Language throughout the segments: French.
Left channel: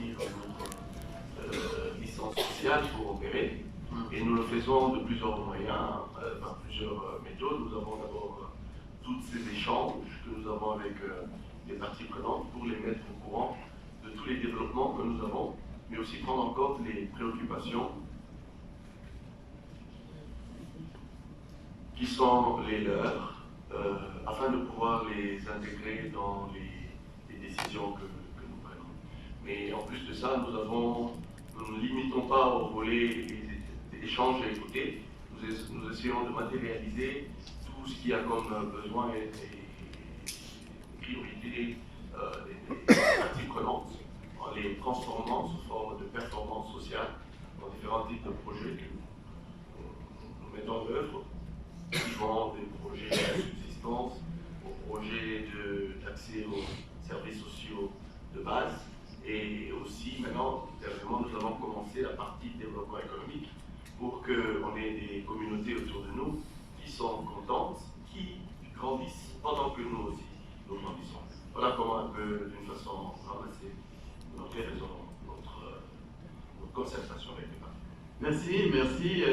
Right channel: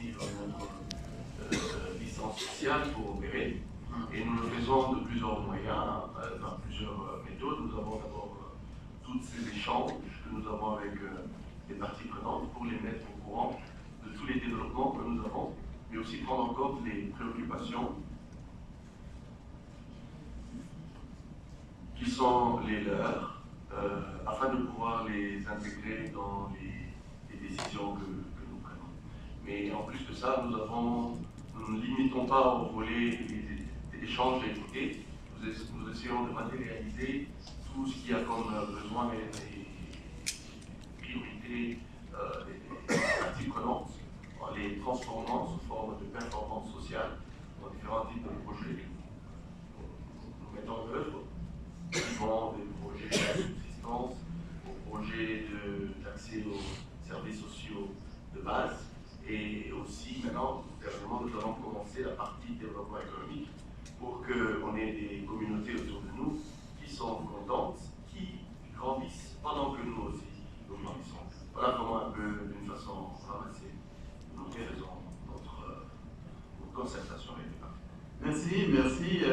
garantir notre licence sociale pour opérer. Et nous le faisons de plusieurs moyens, par plusieurs méthodes. Nous avons d'abord tous ces échanges que nous avons avec les parties prenantes pour les mettre au courant de tous les développements que nous avons, mais aussi prendre en compte les préoccupations qui sont les leurs, afin de pouvoir les intégrer dans les décisions que nous prenons. Mais en plus de ça, nous ne limitons pas au volet échange et écouter. Nous essayons de matérialiser tout ce qu'il y a comme besoin et priorités des parties prenantes, en les transformant sous forme de performance sociale dans différents types de projets que nous mettons en œuvre, qui vont des projets de subsistance aux projets d'accès aux services sociaux de base. Et aussi, maintenant, dernièrement, nous avons commencé la partie développement économique pour qu'on ait des communautés autour de nous qui sont contentes, qui grandissent pendant que nous aussi nous grandissons. Voilà comment un peu, d'une façon ramassée, nous réalisons notre concertation avec les parties. Merci.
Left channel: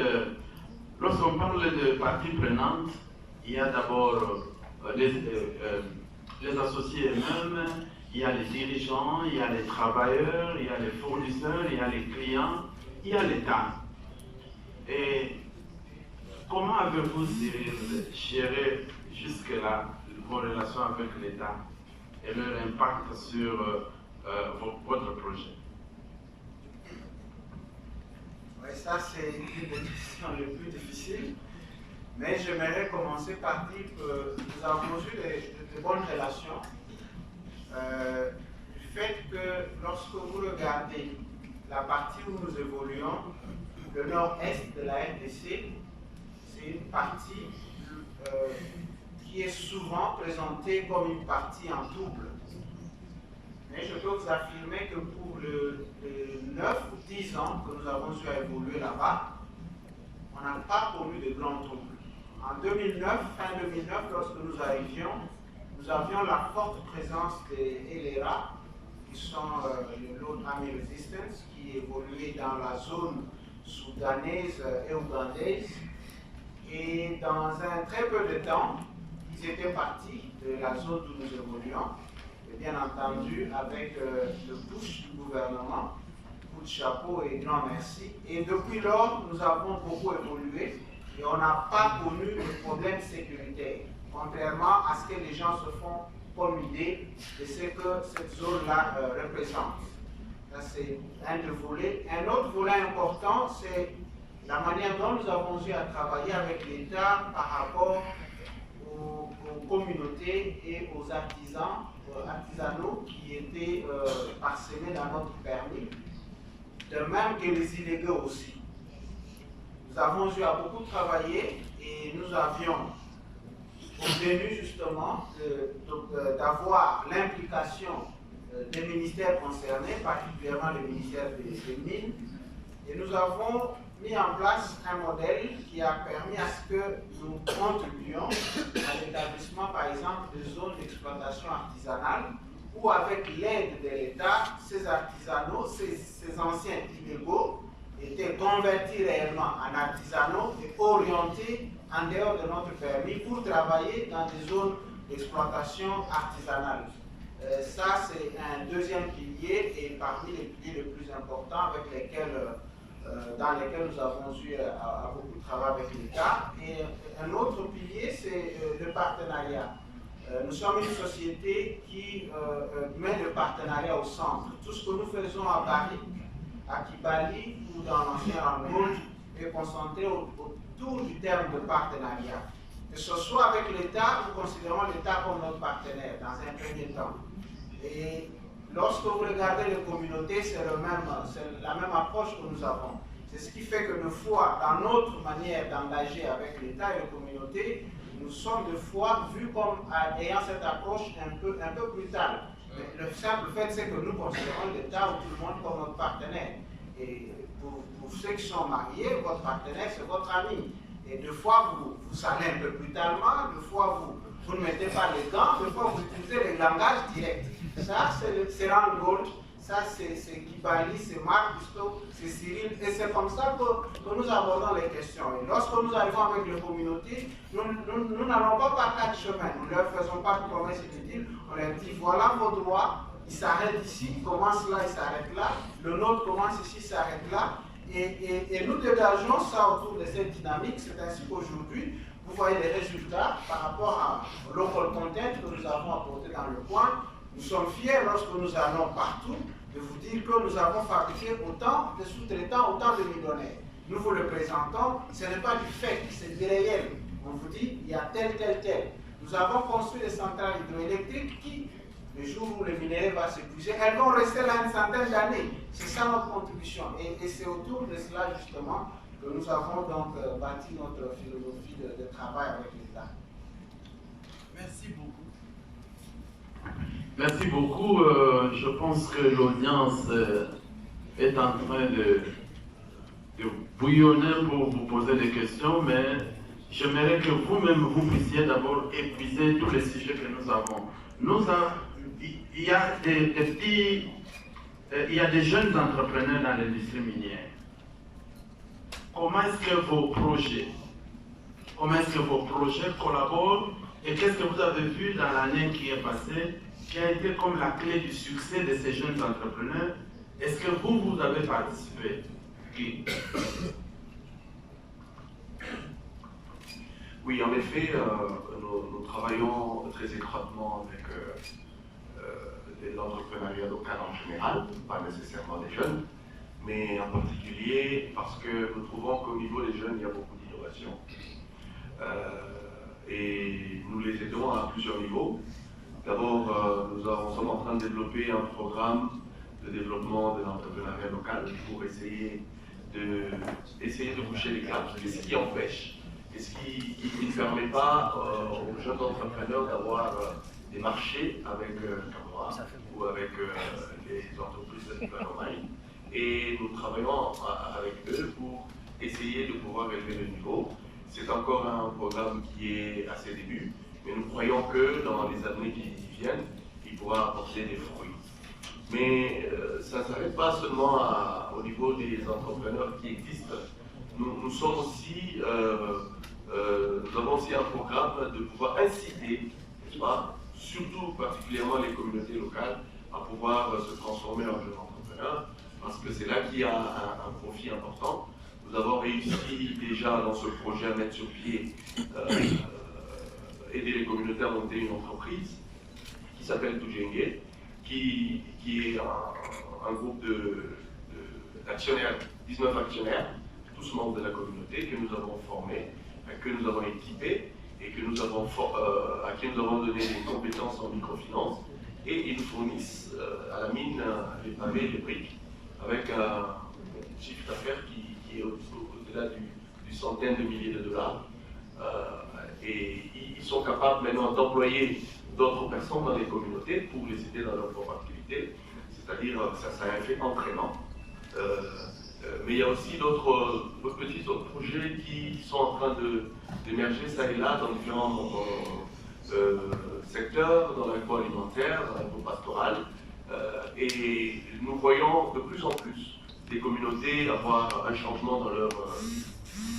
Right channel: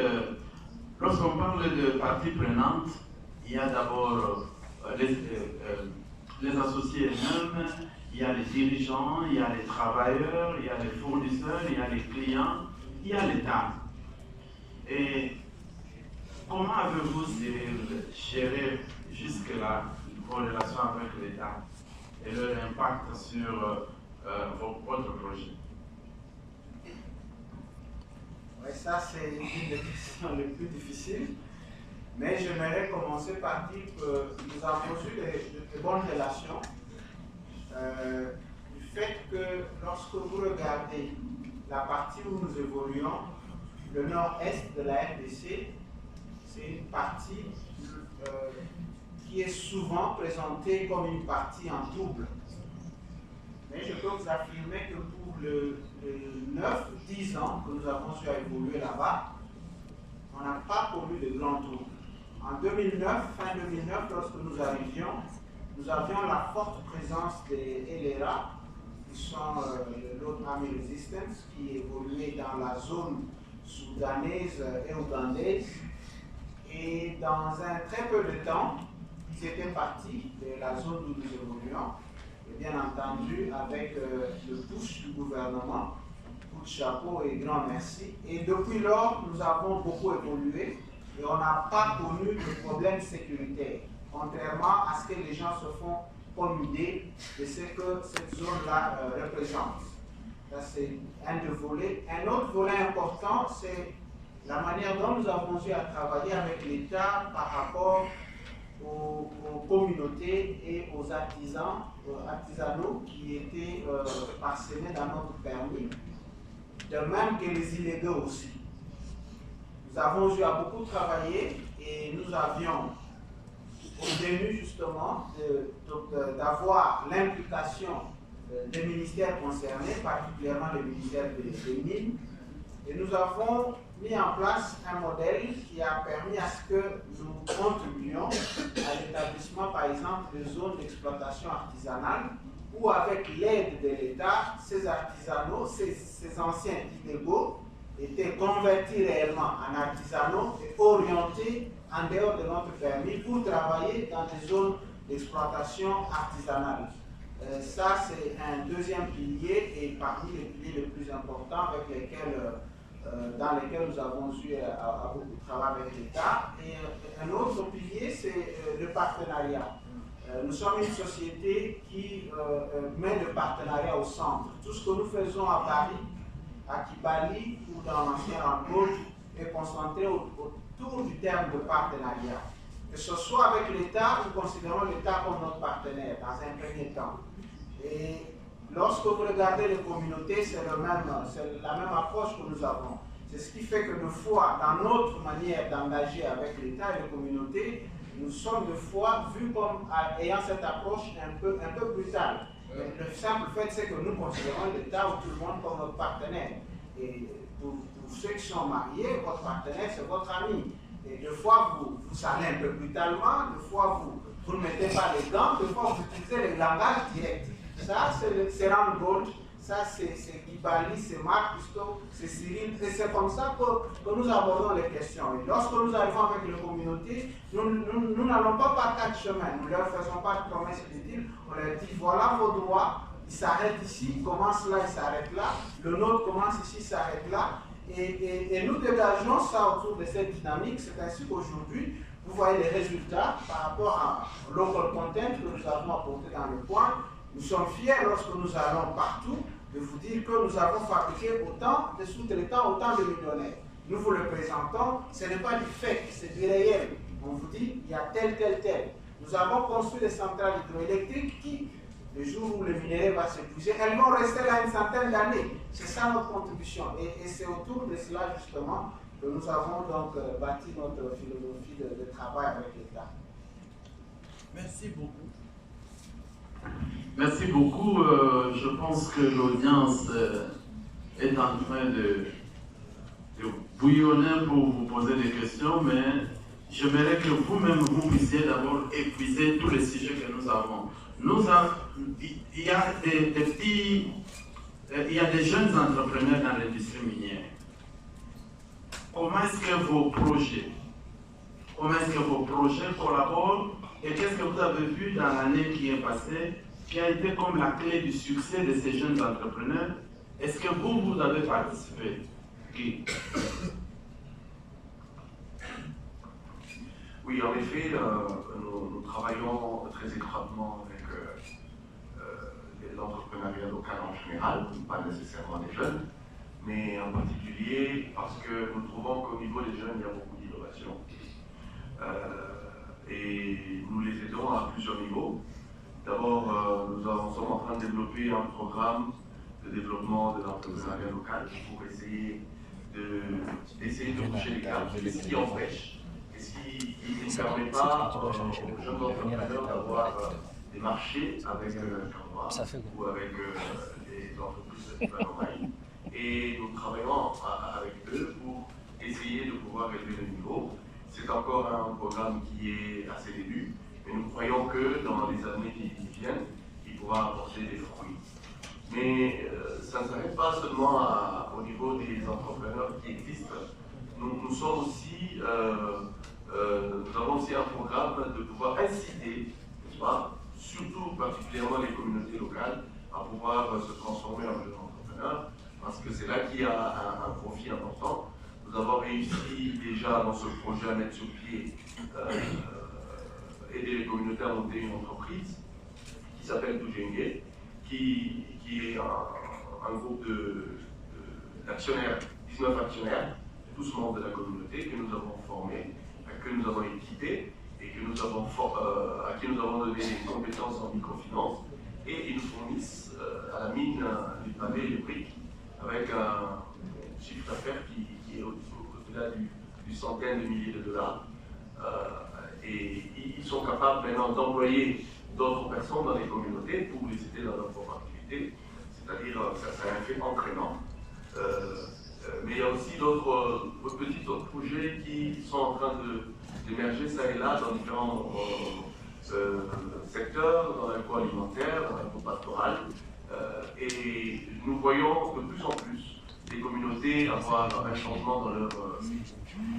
Lorsqu'on parle de parties prenantes, il y a d'abord les associés eux-mêmes, il y a les dirigeants, il y a les travailleurs, il y a les fournisseurs, il y a les clients, il y a l'État. Et comment avez-vous géré jusque-là vos relations avec l'État et leur impact sur votre projet? Oui, ça c'est une des questions les plus difficiles. Mais j'aimerais commencer par dire que nous avons eu de bonnes relations. Du fait que lorsque vous regardez la partie où nous évoluons, le nord-est de la RDC, c'est une partie qui est souvent présentée comme une partie en double. Mais je peux vous affirmer que pour les 9 ou 10 ans que nous avons eu à évoluer là-bas, on n'a pas connu de grand trouble. En 2009, fin 2009, lorsque nous arrivions, nous avions la forte présence des LRA, qui sont le Lord Army Resistance, qui évoluait dans la zone soudanaise et ougandaise. Et dans un très peu de temps, ils étaient partis de la zone où nous évoluions. Et bien entendu, avec le push du gouvernement, coup de chapeau et grand merci. Et depuis lors, nous avons beaucoup évolué et on n'a pas connu de problème sécuritaire, contrairement à ce que les gens se font comme idée de ce que cette zone-là représente. Ça, c'est un des volets. Un autre volet important, c'est la manière dont nous avons eu à travailler avec l'État par rapport aux communautés et aux artisanaux qui étaient parsemés dans notre permis, de même que les illégaux aussi. Nous avons eu à beaucoup travailler et nous avions obtenu justement d'avoir l'implication des ministères concernés, particulièrement le ministère des Mines, et nous avons mis en place un modèle qui a permis à ce que nous contribuions à l'établissement, par exemple, de zones d'exploitation artisanale, où avec l'aide de l'État, ces artisanaux, ces anciens illégaux, étaient convertis réellement en artisanaux et orientés en dehors de notre permis pour travailler dans des zones d'exploitation artisanale. Ça, c'est un deuxième pilier et parmi les piliers les plus importants avec lesquels dans lesquels nous avons eu à beaucoup travailler avec l'État. Et un autre pilier, c'est le partenariat. Nous sommes une société qui met le partenariat au centre. Tout ce que nous faisons à Paris, à Kibali ou dans l'ancien Angola est concentré autour du terme de partenariat. Que ce soit avec l'État, nous considérons l'État comme notre partenaire dans un premier temps. Et lorsque vous regardez les communautés, c'est la même approche que nous avons. C'est ce qui fait que de fois, dans notre manière d'engager avec l'État et les communautés, nous sommes de fois vus comme ayant cette approche un peu brutale. Mais le simple fait, c'est que nous considérons l'État ou tout le monde comme notre partenaire. Et pour ceux qui sont mariés, votre partenaire, c'est votre ami. Et deux fois, vous allez un peu brutalement, deux fois, vous ne mettez pas les gants, deux fois, vous utilisez le langage direct. Ça, c'est Rand Gold, ça c'est Guy Bali, c'est Marc Cousteau, c'est Cyril, et c'est comme ça que nous abordons les questions. Et lorsque nous arrivons avec les communautés, nous n'allons pas par quatre chemins, nous ne leur faisons pas de promesses et de deals, on leur dit voilà vos droits, ils s'arrêtent ici, ils commencent là, ils s'arrêtent là, le nôtre commence ici, s'arrête là, et nous dégageons ça autour de cette dynamique. C'est ainsi qu'aujourd'hui, vous voyez les résultats par rapport au local content que nous avons apporté dans le coin. Nous sommes fiers lorsque nous allons partout de vous dire que nous avons fabriqué autant de sous-traitants, autant de millionnaires. Nous vous le présentons, ce n'est pas du fake, c'est du réel. On vous dit, il y a tel. Nous avons construit des centrales hydroélectriques qui, le jour où le minerai va s'épuiser, elles vont rester là une centaine d'années. C'est ça notre contribution. Et c'est autour de cela, justement, que nous avons donc bâti notre philosophie de travail avec l'État. Merci beaucoup. Merci beaucoup. Je pense que l'audience est en train de bouillonner pour vous poser des questions, mais j'aimerais que vous-même vous puissiez d'abord épuiser tous les sujets que nous avons. Il y a il y a des jeunes entrepreneurs dans l'industrie minière. Comment est-ce que vos projets collaborent et qu'est-ce que vous avez vu dans l'année qui est passée, qui a été comme la clé du succès de ces jeunes entrepreneurs? Est-ce que vous avez participé? Qui? Oui, en effet, nous travaillons très étroitement avec l'entrepreneuriat local en général, pas nécessairement des jeunes, mais en particulier parce que nous trouvons qu'au niveau des jeunes, il y a beaucoup d'innovation. Et nous les aidons à plusieurs niveaux. D'abord, nous sommes en train de développer un programme de développement de l'entrepreneuriat local pour essayer de toucher les gaps. Qu'est-ce qui empêche? Qu'est-ce qui ne permet pas aux jeunes entrepreneurs d'avoir des marchés avec Camora ou avec les entreprises de développement? Et nous travaillons avec eux pour essayer de pouvoir élever le niveau. C'est encore un programme qui est à ses débuts, mais nous croyons que dans les années qui viennent, il pourra apporter des fruits. Mais ça ne s'arrête pas seulement au niveau des entrepreneurs qui existent. Nous sommes aussi, nous avons aussi un programme de pouvoir inciter, n'est-ce pas, surtout particulièrement les communautés locales, à pouvoir se transformer en jeunes entrepreneurs, parce que c'est là qu'il y a un profit important. Nous avons réussi déjà dans ce projet à mettre sur pied, aider les communautés à monter une entreprise qui s'appelle Tujenge, qui est un groupe d'actionnaires, 19 actionnaires, tous membres de la communauté que nous avons formés, que nous avons équipés et que à qui nous avons donné des compétences en microfinance, et ils nous fournissent à la mine les pavés et les briques avec un chiffre d'affaires qui est au-delà du centaine de milliers de dollars. Et ils sont capables maintenant d'employer d'autres personnes dans les communautés pour les aider dans leur propre activité, c'est-à-dire que ça a un effet entraînant. Mais il y a aussi d'autres petits projets qui sont en train d'émerger ça et là dans différents secteurs, dans l'agroalimentaire, dans l'agropastoral. Et nous voyons de plus en plus des communautés avoir un changement dans leur vie.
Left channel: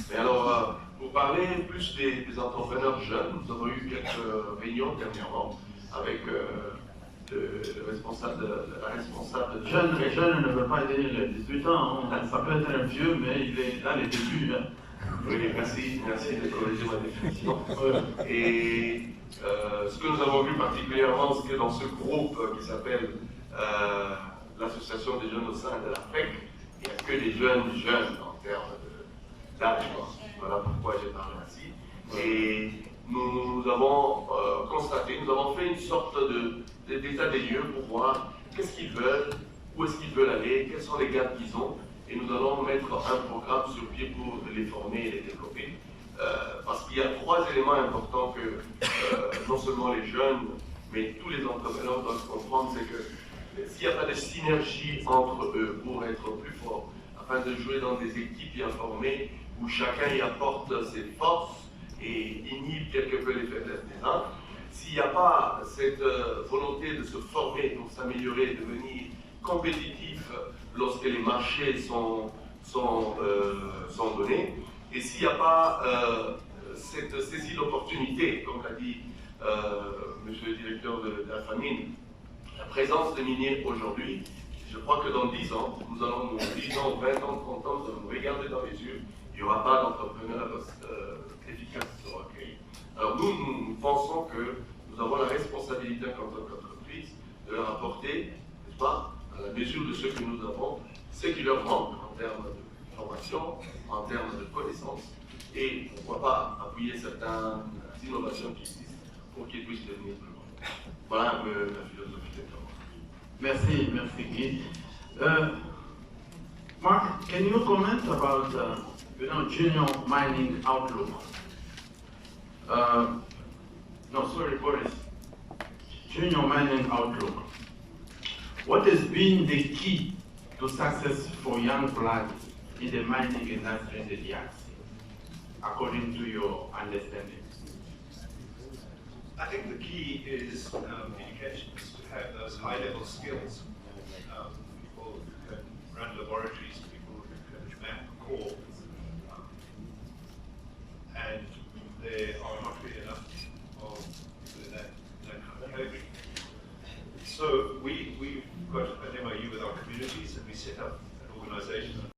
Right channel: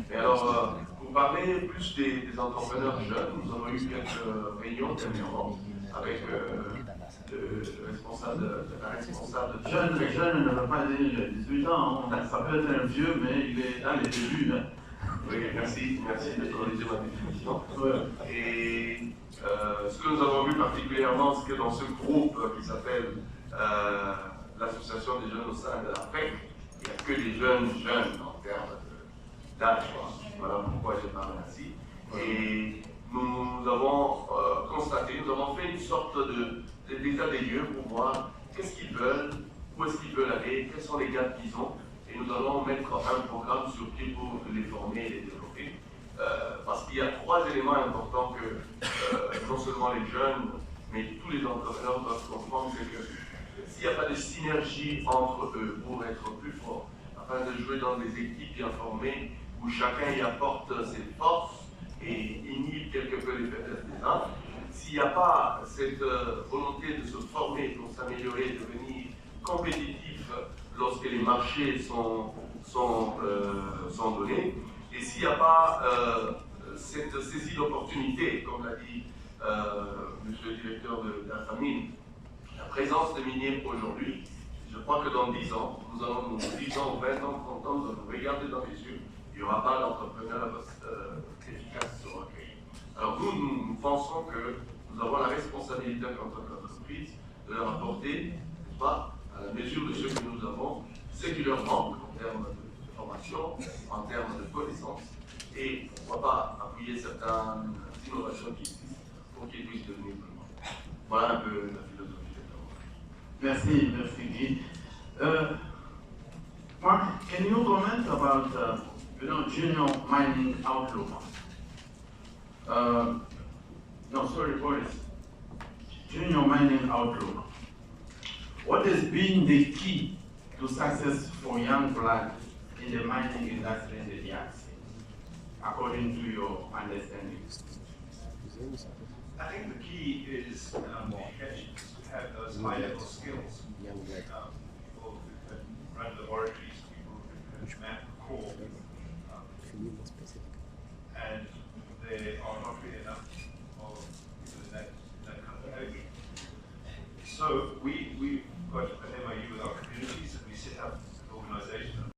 Mais alors, pour parler plus des entrepreneurs jeunes, nous avons eu quelques réunions dernièrement avec le responsable la responsable de Jeune ne veut pas dire 18 ans, ça peut être un vieux, mais il est dans les débuts. Hein. Oui, merci de corriger ma définition. Et ce que nous avons vu particulièrement, c'est que dans ce groupe qui s'appelle l'association des jeunes au sein de la PEC, il n'y a que des jeunes en termes d'âge. Voilà pourquoi j'ai parlé ainsi. Et nous avons constaté, nous avons fait une sorte d'état des lieux pour voir qu'est-ce qu'ils veulent, où est-ce qu'ils veulent aller, quels sont les gaps qu'ils ont. Et nous allons mettre un programme sur pied pour les former et les développer. Parce qu'il y a trois éléments importants que non seulement les jeunes, mais tous les entrepreneurs doivent comprendre, c'est que s'il n'y a pas de synergie entre eux pour être plus forts, afin de jouer dans des équipes bien formées, où chacun y apporte ses forces et inhibe quelque peu les faiblesses des uns, s'il n'y a pas cette volonté de se former, de s'améliorer, de devenir compétitif lorsque les marchés sont donnés. Et s'il n'y a pas cette saisie d'opportunité, comme l'a dit monsieur le directeur de la famine, la présence des miniers aujourd'hui, je crois que dans 10 ans, nous allons, 10 ans, 20 ans, 30 ans, nous allons nous regarder dans les yeux, il n'y aura pas d'entrepreneur efficace qui sera créé. Alors nous pensons que nous avons la responsabilité en tant qu'entreprise de leur apporter, n'est-ce pas, à la mesure de ce que nous avons, ce qui leur manque en termes de formation, en termes de connaissances, et pourquoi pas appuyer certaines innovations qui existent pour qu'ils puissent devenir plus grands. Voilà un peu la philosophie de Merci, merci Guy. Mark, can you comment about junior mining outlook? No, sorry, Boris. Junior mining outlook. What has been the key to success for young blood in the mining industry in the DRC, according to your understanding? I think the key is education, to have those high-level skills. People who can run laboratories, people who can map core, and there are not really enough of people in that kind of category. So we've got an MOU with our communities, and we set up an organization